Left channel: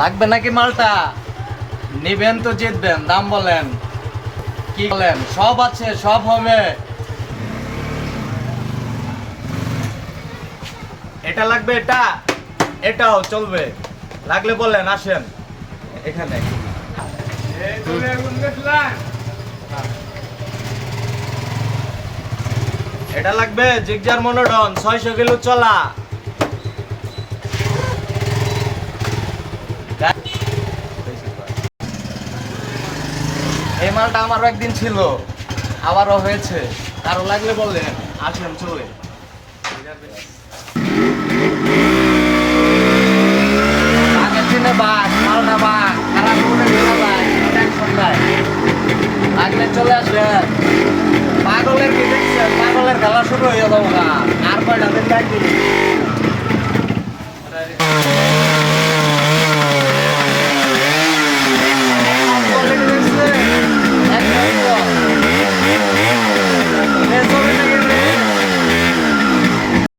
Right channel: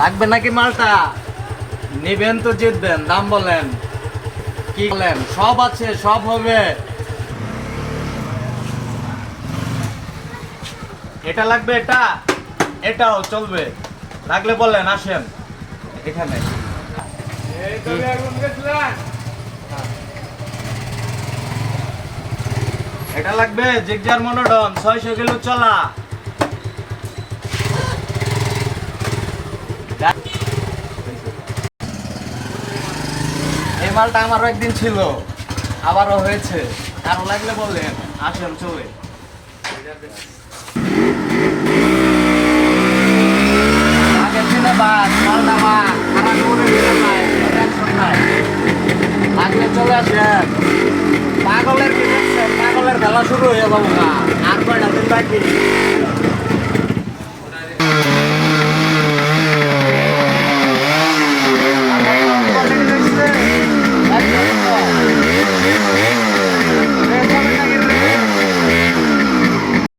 লাগবে নাকি মালটা? নিবেন তো জিতবেন, দাম বলেন, কি বলেন? সব আছে, সব হবে। এটা লাগবে, এটা এটাও চলবে, লাগলে বলেন, আসেন এখানে। এটা লাগবে জিগজার মনোডন 600 কিলো চলা। এই মালটা আমারও একদিন ছিল, আবারও হয়েছে। আরো লাগলে বললেন, আসেন চলে।